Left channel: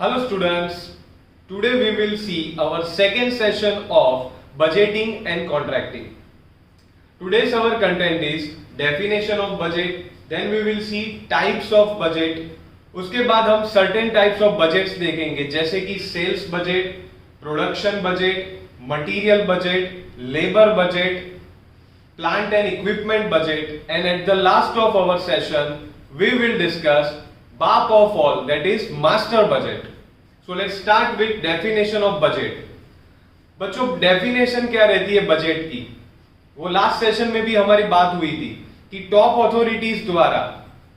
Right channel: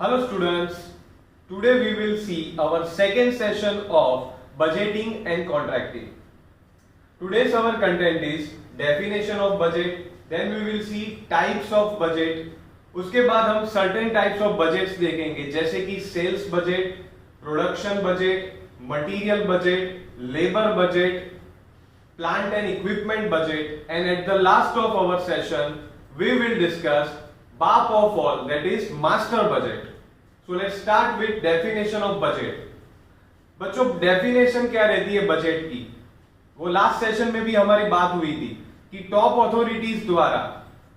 Hello students, today we will see our second session of budgeting and contracting. Today's our content is definition of budget, then we will see types of budget. उसके बाद हम certain types of budgets देखेंगे जैसे कि sales budget, production budget, material budget, labor budget, plant and equipment budget, and at the last of our session we will discuss BAP of all, that is master budget. So let's start with definition of budget. बच्चों definition क्या रहती है budget की, वो last session में भी हमारी बात हुई थी कि टॉप अथॉरिटीज द्वारा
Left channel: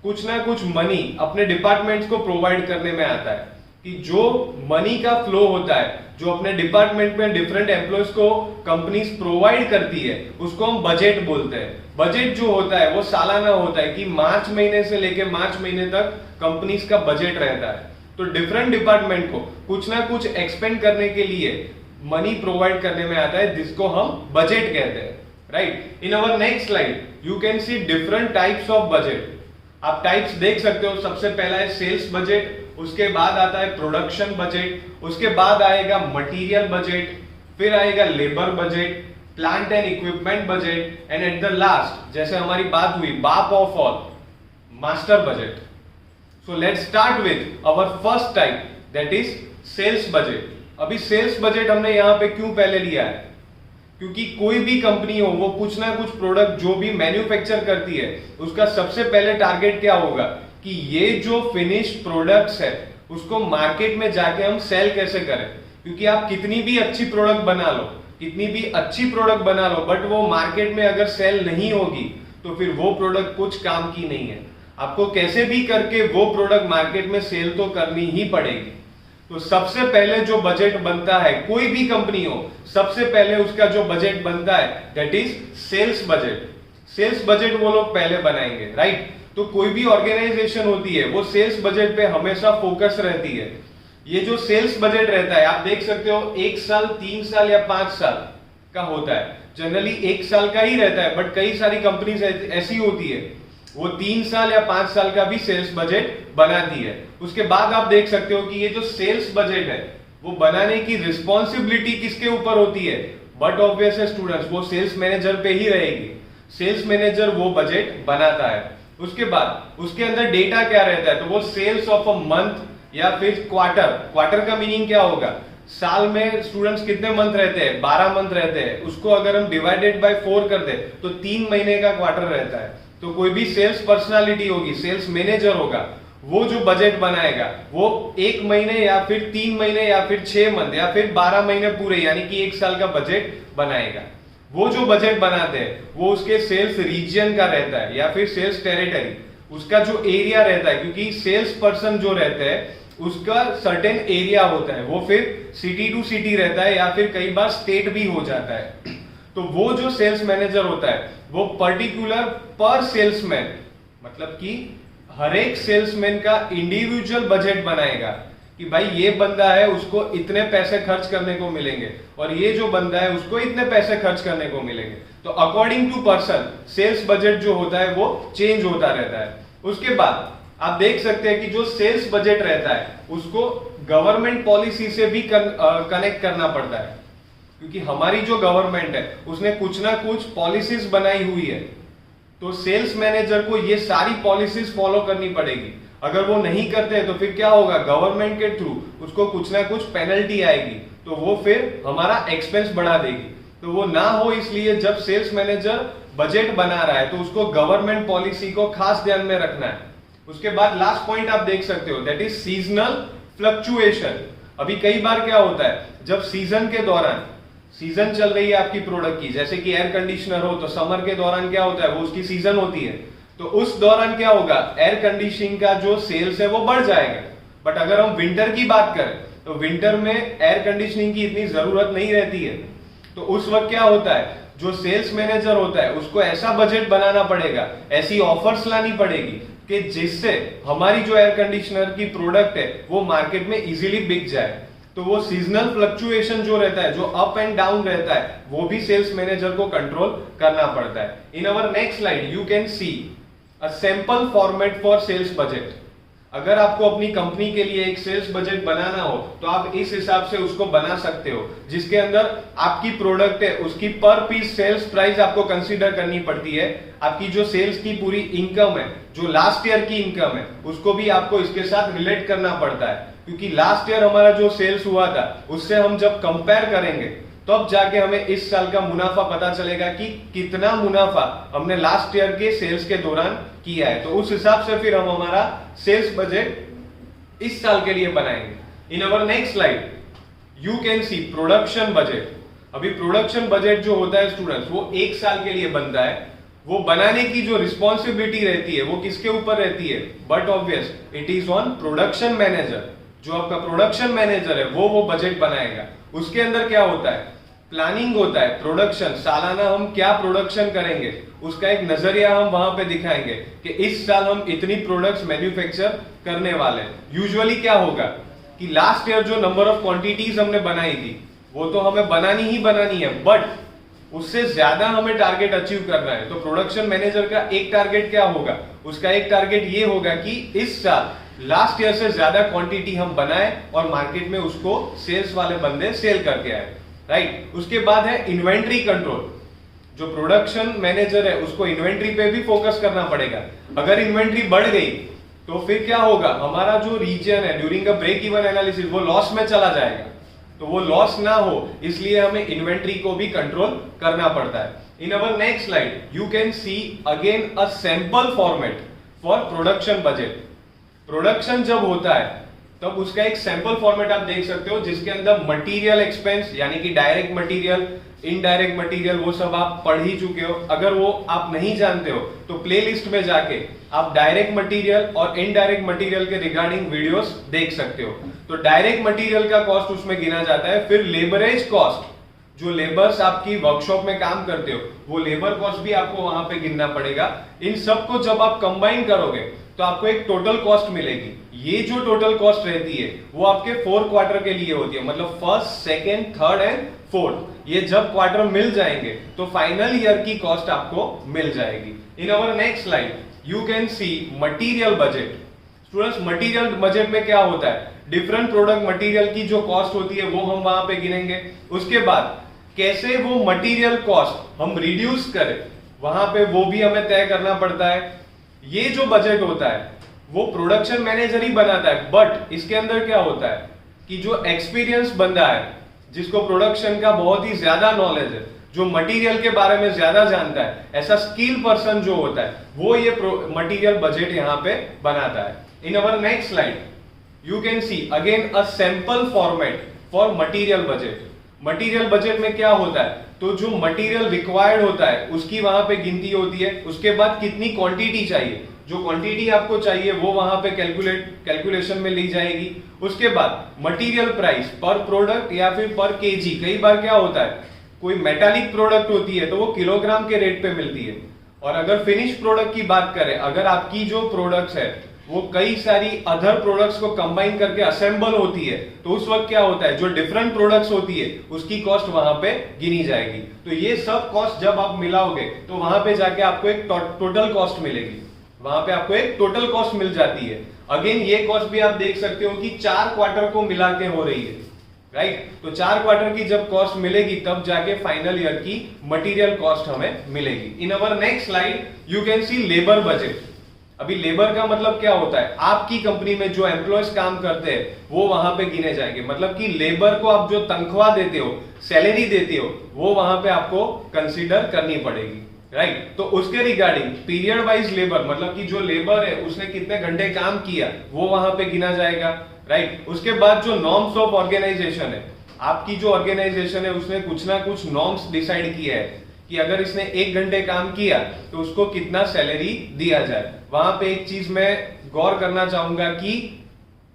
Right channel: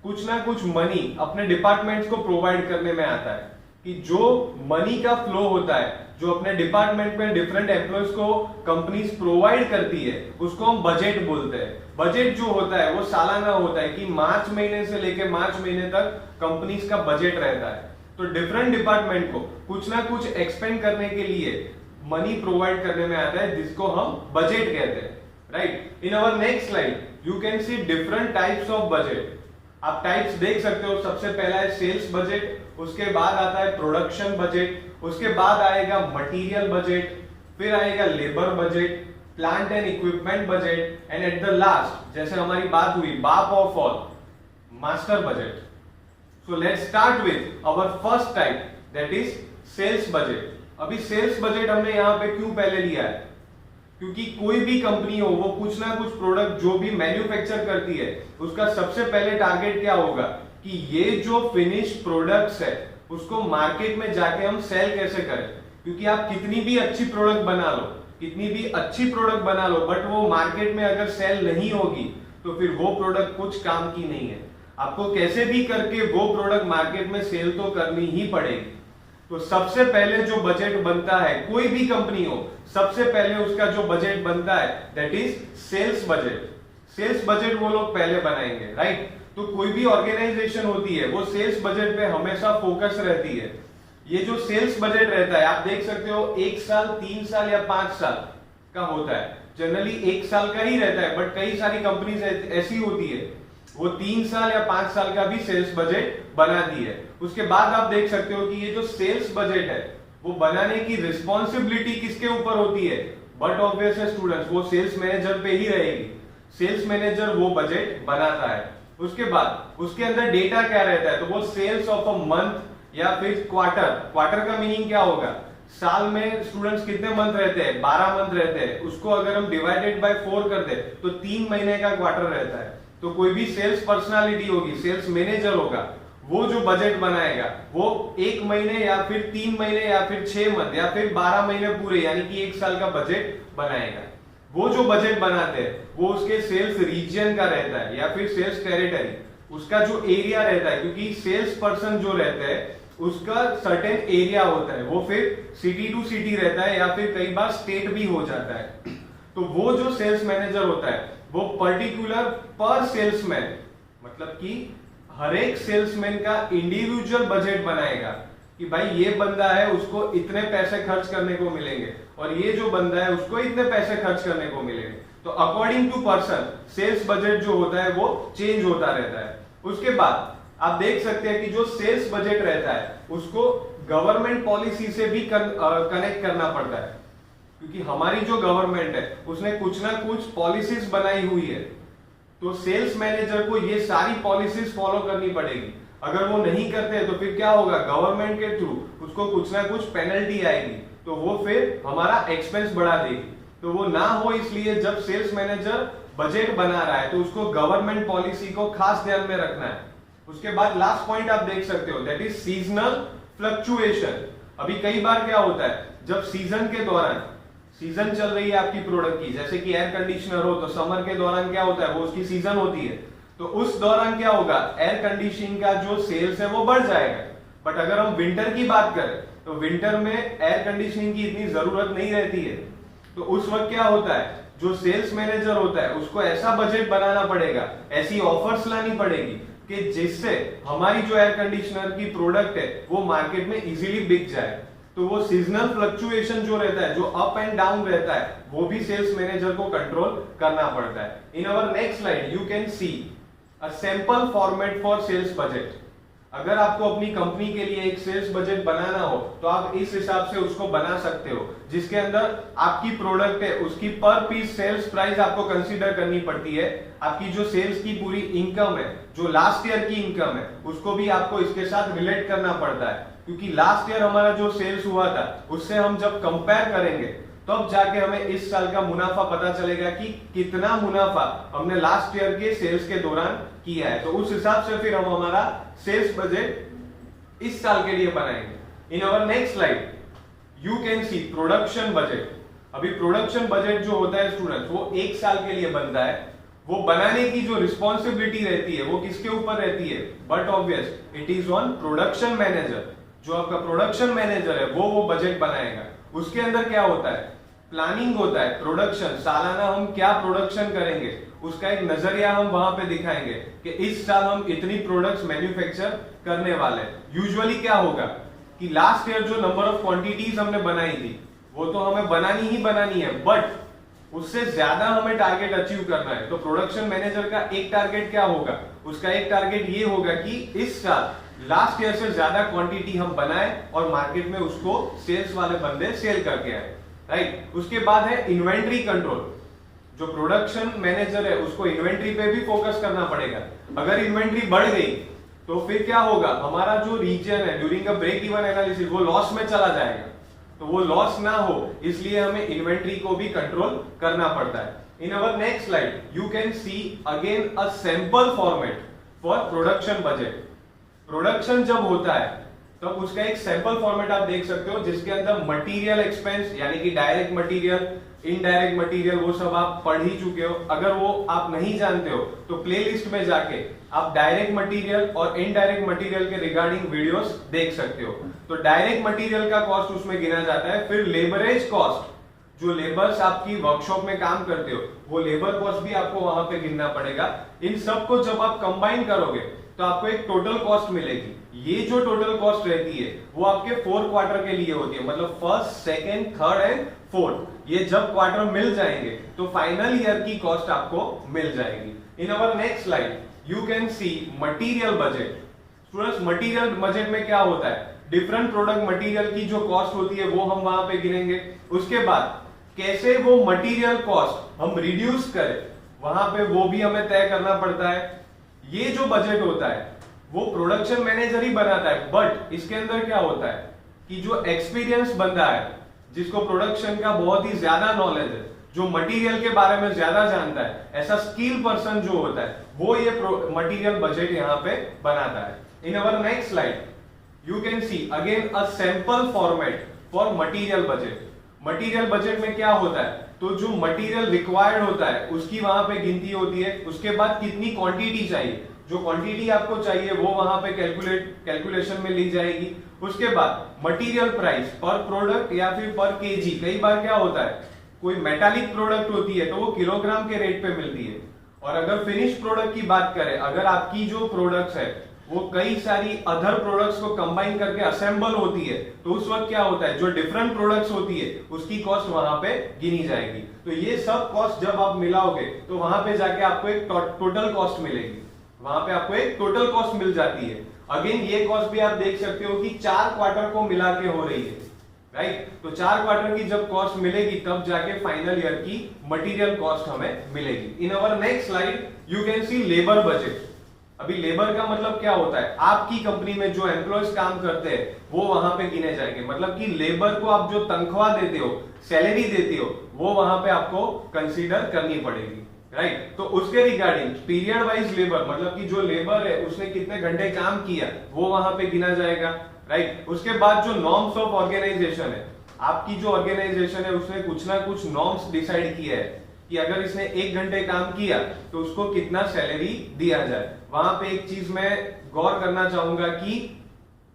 कुछ ना कुछ मनी अपने डिपार्टमेंट्स को प्रोवाइड करने में आता है कि जो मनी का फ्लो होता है जो अपने डिपार्टमेंट में डिफरेंट एम्प्लॉयज को कंपनीज प्रोवाइड करती है उसको हम बजट बोलते हैं. बजट जो होता है वो सालाना होता है कि मार्च महीने से लेकर मार्च महीने तक कंपनीज का बजट रहता है. तो डिफरेंट डिपार्टमेंट को कुछ ना कुछ एक्सपेंड करने के लिए मनी प्रोवाइड करने में आता है जिसको हम बजट कहते हैं. Right. In our next slide you can C different types of budget. आप टाइप्स देख सकते हो. सबसे पहला है सेल्स बजट, उसके बाद आता है प्रोडक्शन बजट, उसके बाद आएगा मटेरियल बजट, फिर आएगा labour budget, plant and equipment budget, and at the last जैसे हमारी बात हुई बाप of all master budget. So let's start with our first type, that is sales budget. अभी सेल्स बजट हमने यहाँ पे क्यों पहले लिया है, क्योंकि कोई भी कंपनी हो वो कुछ ना कुछ प्रोडक्ट जो भी मैन्युफैक्चर करती है उसका सबसे पहले टारगेट क्या होगा कि ये जो फिनिश प्रोडक्ट्स है उसको मार्केट में जाके हम सेल कैसे करें. क्योंकि आप कितनी भी अच्छी प्रोडक्ट बना लो, कितनी भी अच्छी प्रोडक्ट बना लो, बट वो मार्केट में अगर सेल नहीं होगी तो फिर वो प्रोडक्ट कुछ काम की नहीं है. आपको कैसे भी करके वो प्रोडक्ट मार्केट में सेल तो करनी ही पड़ेगी. तो सबसे पहले जो बजट बनता है कोई भी कंपनी हो, सबसे पहले उसका जो बजट बनता है that is sales budget. Sales budget वो लोग पहले बनाएंगे. राइट. तो कोई भी ऑर्गेनाइजेशन होती है वो सेल्स बजट पे हमेशा फोकस रहती है. ये जो सेल्स बजट रहता है आप देख सकते हो 1 साल 3 साल या 5 साल का होता है. जनरली 1 साल का ही रहता है, बट कई सारी कंपनीज ऐसी होती है वो 3 साल या 5 साल का भी सेल्स बजट बनाती है. उसके बाद आप देख सकते हो कि ये जो सेल्स बजट है वो बनाने की रिस्पॉन्सिबिलिटी किसके ऊपर होती है, बट ऑब्वियस है स्टूडेंट्स वो सेल्स मैनेजर पे ही रहेगी. सेल्स मैनेजर वो बजट बनाता है. उसके बाद उसके अंदर डेटा क्या रहता है, तो वो सेल्स ऑफ अ मंथ या फिर क्वार्टर. क्वार्टर का मीनिंग क्या होगा, साल में स्टूडेंट्स कितने मंथ रहते हैं, 12 मंथ रहते हैं. उसको अगर हम डिवाइडेड बाय 4 कर दे तो 3 महीने का क्वार्टर रहता है. तो कोई भी सेल्स पर्सनालिटी होगी, सेल्स मैनेजर होगा, वो जो बजट बनाएगा वो 1 महीने या फिर 3 महीने या फिर 6 मंथ या फिर 12 महीने पूरे यानी कि 1 साल का बजट बनाएगा. वो जो बजट बनाते हैं वो उसके सेल्स रीजन का रहता है या फिर सेल्स टेरिटरी, उसका जो एरिया रहता है. क्योंकि सेल्स पर्सन जो रहते हैं उसका सर्टेन एरिया होता है, वो फिर सिटी टू सिटी रहता है या फिर कई बार स्टेट भी हो जाता है. तो वो जो सेल्स मैनेजर होता है वो पर्टिकुलर पर सेल्समैन, मतलब कि हर एक सेल्समैन का इंडिविजुअल बजट बनाएगा कि भाई ये बंदा है उसको इतने पैसे खर्च करने को मिलेंगे और ये जो बंदा है उसको इतने पैसे खर्च करने को मिलेंगे. तो according to person sales budget जो होता है वो चेंज होता रहता है. उसके बाद आप देख सकते हैं कि जो सेल्स बजट रहता है उसको गवर्नमेंट पॉलिसी से भी कनेक्ट करना पड़ता है. क्योंकि हमारी जो गवर्नमेंट है उसने कुछ ना कुछ पॉलिसीज बनाई हुई है, तो सेल्स मैनेजर को ये सारी पॉलिसीज फॉलो करनी पड़ेगी. अगर वो नहीं करते तो फिर क्या होगा, गवर्नमेंट के थ्रू उसको कुछ ना कुछ पेनल्टी आएगी, तो वो फिर हमारा एक्सपेंस बढ़ा देगी. तो वो ना हो इसलिए जब सेल्स मैनेजर बजट बना रहा है तो उसको गवर्नमेंट पॉलिसी को खास ध्यान में रखना है. उसके बाद लास्ट पॉइंट आप देख सकते हो दैट इज सीजनल फ्लक्चुएशन. अभी कई बार क्या होता है जब सीजन के दौरान सीजन चल रही है आपकी प्रोडक्ट की, जैसे कि एयर कंडीशनर हो तो समर के दौरान क्या होता है वो उसकी सीजन होती है, तो उस दौरान क्या होगा एयर कंडीशनिंग का जो सेल्स है वो बढ़ जाएगा. बट अगर हम विंटर की बात करें तो विंटर में एयर कंडीशनिंग की इतनी जरूरत नहीं रहती है. तो उस वक्त क्या होता है जो सेल्स मैनेजर होता है उसको ऐसा बजट बनाना पड़ेगा, ऐसी ऑफर्स लानी पड़ेगी कि जिससे हमारी जो एयर कंडीशनर की प्रोडक्ट है वो मार्केट में इजीली बिक जाए. तो वो सीजनल फ्लक्चुएशन जो रहता है, जो अप एंड डाउन रहता है, वो भी सेल्स मैनेजर को कंट्रोल करना पड़ता है. In our next slide you can see a sample format for sales budget. अगर आपको अपनी कंपनी के लिए एक सेल्स बजट बनाना हो तो आप इस हिसाब से उसको बना सकते हो, जिसके अंदर आपकी प्रोडक्ट है उसकी पर पीस सेल्स प्राइस आपको कंसीडर करनी पड़ती है, आपकी जो सेल्स की पूरी इनकम है, जो लास्ट ईयर की इनकम है, उसको भी आपको इसके साथ रिलेट करना पड़ता है, क्योंकि लास्ट ईयर हमारा जो सेल्स हुआ था उससे हम जब कंपेयर करेंगे तब जाके हमें इस साल का मुनाफा पता चलेगा कि कितना मुनाफा हमने लास्ट ईयर के सेल्स के दौरान किया है। तो उस हिसाब से फिर हम हमारा सेल्स बजट इस साल के लिए बनाएंगे। In our next slide you can see production budget. अभी प्रोडक्शन बजट जो होता है स्टूडेंट्स, वो एक साल के लिए बनता है। वो बनाने की जो रिस्पॉन्सिबिलिटी रहती है वो किसके ऊपर रहती है? But obvious it is on production manager. जो आपका प्रोडक्शन मैनेजर है वो बजट बनाएगा। उसके अंदर क्या होता है? प्लानिंग होता है, प्रोडक्शन, सालाना हम क्या प्रोडक्शन करेंगे उसका एक नजरिया हम वहां पे दिखाएंगे कि इस साल हम इतनी प्रोडक्ट्स मैन्युफैक्चर करने वाले हैं। यूजुअली क्या होगा कि लास्ट ईयर जो नंबर ऑफ क्वांटिटीज हमने बनाई थी वो तो हमें बनानी ही बनानी है, बट उससे ज्यादा हमें टारगेट अचीव करना है। तो प्रोडक्शन मैनेजर का एक टारगेट क्या होगा? उसका एक टारगेट ये होगा कि इस साल लास्ट ईयर से ज्यादा क्वांटिटी हम बनाए और मार्केट में उसको सेल्स वाले बंदे सेल करके आए, राइट। उसके बाद है इन्वेंट्री कंट्रोल। जो प्रोडक्शन मैनेजर है उसको इन्वेंट्री पे भी फोकस करना पड़ेगा। अगर इन्वेंट्री बढ़ गई तो फिर क्या होगा? हमारा जो रीजन है during a break even analysis वो लॉस में चला जाएगा। तो वो लॉस ना हो इसलिए हमें इन्वेंट्री को भी कंट्रोल करना पड़ता है। In our next slide you can see again a sample format for production budget. Production जब होता है तब उसका एक सैंपल फॉर्मेट आप देख सकते हो, जिसके अंदर मटेरियल एक्सपेंस यानी कि डायरेक्ट मटेरियल, इनडायरेक्ट मटेरियल, वो सब आप पढ़ ही चुके हो। अगर वो आप नहीं जानते हो तो प्लेलिस्ट में जाके आप डायरेक्ट मटेरियल और इनडायरेक्ट मटेरियल के रिगार्डिंग वीडियोस देख सकते हो। तो डायरेक्ट मटेरियल का कॉस्ट उसमें गिना जाता है। फिर लेबरेज कॉस्ट, जो लेबर्स आपकी वर्कशॉप में काम करते हो वो लेबर कॉस्ट भी आपको वहां पे गिनना पड़ेगा। इन सबको जब आप कंबाइन करोगे तो आपको एक टोटल कॉस्ट मिलेगी। ये जो टोटल कॉस्ट रहती है वो आपके 4 क्वार्टर के लिए होती है, मतलब first, second, third and fourth. ये जब क्वार्टर मिल जाएंगे तो फाइनल ईयर की कॉस्ट आपको मिल जाएगी। In our next slide you can see material budget. Students, material budget में क्या होता है? डिफरेंट प्रोडक्ट मटीरियल की जो कॉस्ट होती है वो हम वहां पे गिनेंगे। उसके बाद कैसे वो मटेरियल कॉस्ट हम रिड्यूस करें वहां पे वो भी हमें तय करना पड़ता है। ये जो बजट होता है वो प्रोडक्शन मैनेजर ही बनाता है, बट इसके अंदर क्या होता है कि जो एक्सपीरियंस बंदा है, जिसको प्रोडक्शन का बहुत ही ज्यादा नॉलेज है, जो मटेरियल के बारे में ज्यादा जानता है, ऐसा स्किल पर्सन जो होता है वो ये मटेरियल बजट यहाँ पे बनाता है। In our next slide you can see again a sample format for material budget. Material budget में क्या होता है? तो जो मटेरियल रिक्वायर्ड होता है उसकी वहां पे गिनती होती है। उसके बाद कितनी क्वांटिटी चाहिए, जो क्वांटिटी आपको चाहिए वो वहां पे कैलकुलेशन में ली जाएगी। उसके बाद मटेरियल प्राइस पर प्रोडक्ट या फिर पर केजी। कई बार क्या होता है कोई मेटालिक प्रोडक्ट होती है तो वो किलोग्राम के रेट पे मिलती है। और अगर फिनिश प्रोडक्ट की बात करें, अगर आपकी जो प्रोडक्ट्स है वो कई सारी अदर प्रोडक्ट्स को कंबाइन करके असेंबल होती है तो उस वक्त क्या होता है, जो डिफरेंट प्रोडक्ट्स होती है उसकी कॉस्ट वहां पे गिनी जाएगी। तो ये सब कॉस्ट जब आप मिलाओगे तो वहां पे जाके आपको एक टोटल कॉस्ट मिलेगी। वहां पे आपको एक टोटल कॉस्ट मिल जाती है। अगेन ये कॉस्ट भी आप देख सकते हो कि 4 क्वार्टर को मिला के हो रही है, राइट। तो 4 क्वार्टर की जब कॉस्ट मिलेगी तब जाके फाइनल ईयर की मटेरियल कॉस्ट हमें मिलेगी। In our next slide you can see labour budget. अभी लेबर का मतलब क्या होता है? आपकी कंपनी में जो एम्प्लॉयज काम करते हैं वो वहां पे गिने जाएंगे। मतलब कि लेबर को आप जो तनख्वाह देते हो, सैलरी देते हो, वो वहां पे आपको कंसीडर करनी पड़ेगी, राइट। तो उसके रिगार्डिंग पीरियड वाइज लेबर, मतलब कि जो लेबर है उसने कितने घंटे काम किया वो वहां पे गिना जाएगा, राइट। उसके बाद जो नॉर्म्स ऑफ ऑर्गेनाइजेशन है, आपकी जो ऑर्गेनाइजेशन है उसने कुछ ना कुछ नॉर्म्स डिसाइड किया है कि अगर इसने 1 घंटे काम किया तो उसको कितना सैलरी दिया जाए। वहां पे एक चीज मैं गौर करना चाहूंगा कि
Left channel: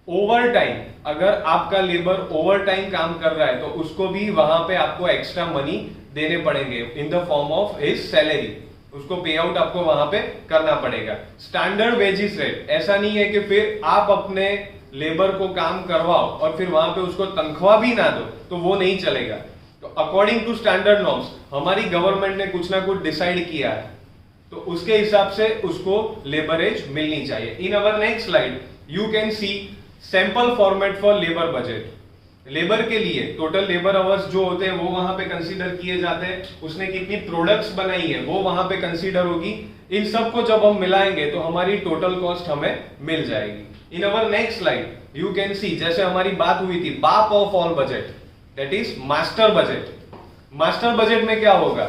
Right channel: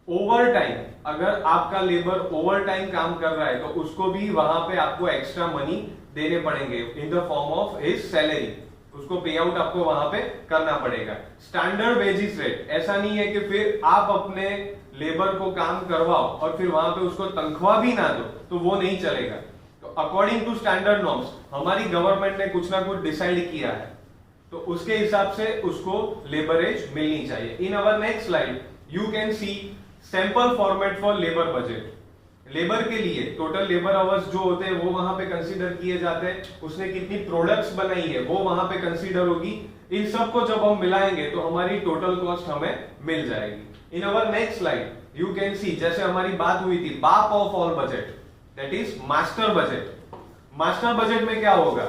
ओवर टाइम, अगर आपका लेबर ओवर टाइम काम कर रहा है तो उसको भी वहां पे आपको एक्स्ट्रा मनी देने पड़ेंगे in the form of his salary. उसको पे आउट आपको वहां पे करना पड़ेगा। स्टैंडर्ड वेजेस रेट, ऐसा नहीं है कि फिर आप अपने लेबर को काम करवाओ और फिर वहां पे उसको तनख्वाह भी ना दो, तो वो नहीं चलेगा। तो अकॉर्डिंग टू स्टैंडर्ड नॉर्म्स हमारी गवर्नमेंट ने कुछ ना कुछ डिसाइड किया है, तो उसके हिसाब से उसको लेबरेज मिलनी चाहिए। In our next slide you can see sample format for labor budget. Labour के लिए टोटल लेबर आवर्स जो होते हैं वो वहां पे कंसीडर किए जाते हैं, उसने कितनी प्रोडक्ट्स बनाई है वो वहां पे कंसीडर होगी। इन सब को जब हम मिलाएंगे तो हमारी टोटल कॉस्ट हमें मिल जाएगी। In our next slide you can see, जैसे हमारी बात हुई थी बाप of all budget, that is master budget. Master budget में क्या होगा,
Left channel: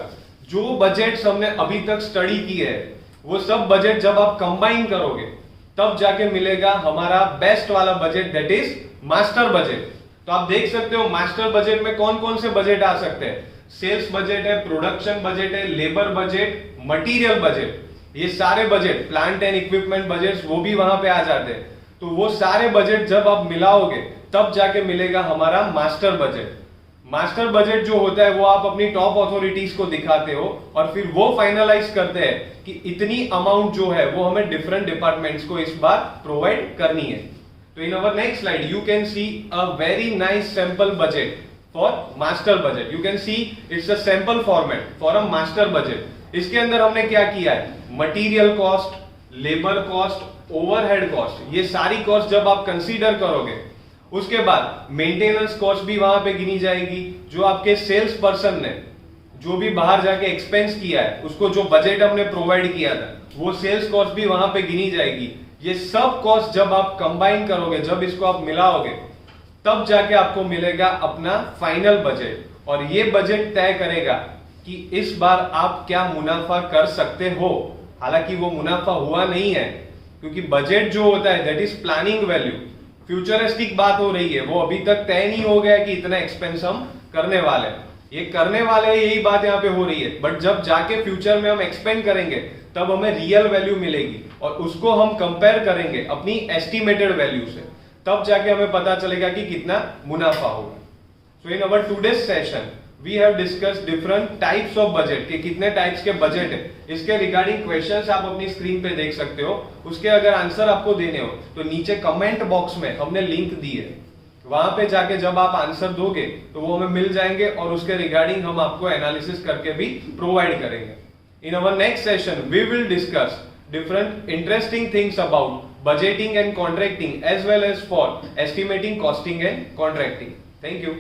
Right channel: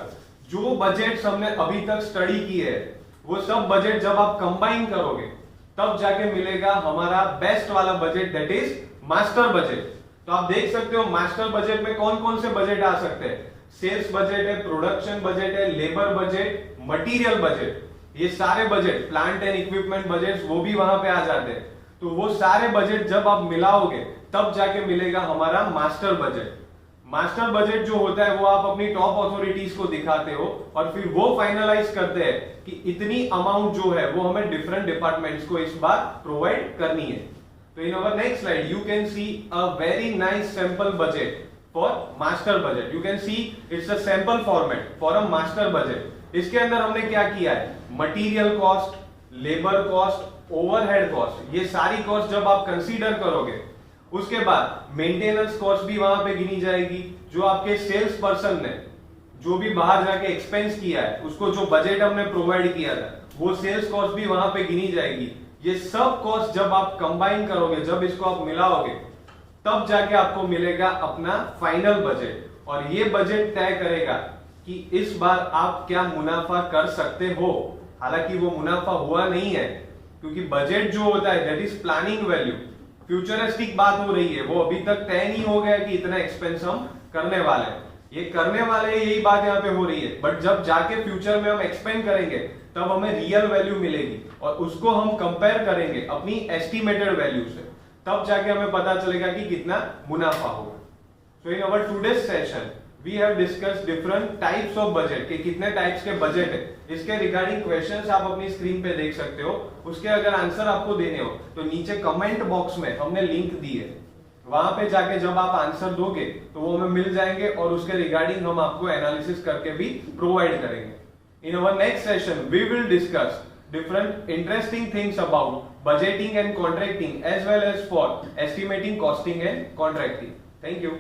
जो बजट हमने अभी तक स्टडी की है वो सब बजट जब आप कंबाइन करोगे तब जाके मिलेगा हमारा बेस्ट वाला budget, that is master budget. तो आप देख सकते हो मास्टर बजट में कौन कौन से बजट आ सकते हैं, सेल्स बजट है, प्रोडक्शन बजट है, लेबर बजट, मटेरियल बजट, ये सारे budget, plant and equipment budget वो भी वहां पे आ जाते हैं। तो वो सारे बजट जब आप मिलाओगे तब जाके मिलेगा हमारा मास्टर बजट। मास्टर बजट जो होता है वो आप अपनी टॉप अथॉरिटीज को दिखाते हो और फिर वो फाइनलाइज करते हैं कि इतनी अमाउंट जो है वो हमें डिफरेंट डिपार्टमेंट्स को इस बार प्रोवाइड करनी है। तो in our next slide you can see a very nice sample budget for master budget. You can see it's a sample format for a master budget. इसके अंदर हमने क्या किया है, material cost, labour cost, overhead cost, ये सारी cost जब आप कंसीडर करोगे उसके बाद मेंटेनेंस कॉस्ट भी वहां पे गिनी जाएगी। जो आपके सेल्स पर्सन ने जो भी बाहर जाके एक्सपेंस किया है उसको जो बजट हमने प्रोवाइड किया था वो सेल्स कॉस्ट भी वहां पे गिनी जाएगी। ये सब कॉस्ट जब आप कंबाइन करोगे, जब इसको आप मिलाओगे तब जाके आपको मिलेगा अपना फाइनल बजट, और ये बजट तय करेगा कि इस बार आप क्या मुनाफा कर सकते हो। हालांकि वो मुनाफा हुआ नहीं है क्योंकि बजट जो होता है that is planning value, futuristic बात हो रही है, वो अभी तक तय नहीं हो गया कि इतना एक्सपेंस हम करने वाले हैं। ये करने वाले यही बात यहाँ पे हो रही है, बट जब जाके फ्यूचर में हम एक्सपेंड करेंगे तब हमें रियल वैल्यू मिलेगी और उसको हम कंपेयर करेंगे अपनी एस्टिमेटेड वैल्यू से, तब जाके हमें पता चलेगा कि कितना मुनाफा होगा। So in our today's session we have discussed different types of budget, के कितने टाइप्स के बजट है। इसके रिगार्डिंग क्वेश्चंस आप अपनी स्क्रीन पे देख सकते हो, उसके अगर आंसर आपको देने हो तो नीचे कमेंट बॉक्स में हमने लिंक दी है, वहां पे जाके जब आप आंसर दोगे तो वो हमें मिल जाएंगे और उसके रिगार्डिंग हम आपको एनालिसिस करके भी प्रोवाइड करेंगे। In our next session, we will discuss different interesting things about budgeting and contracting as well as for estimating, costing and contracting. Thank you.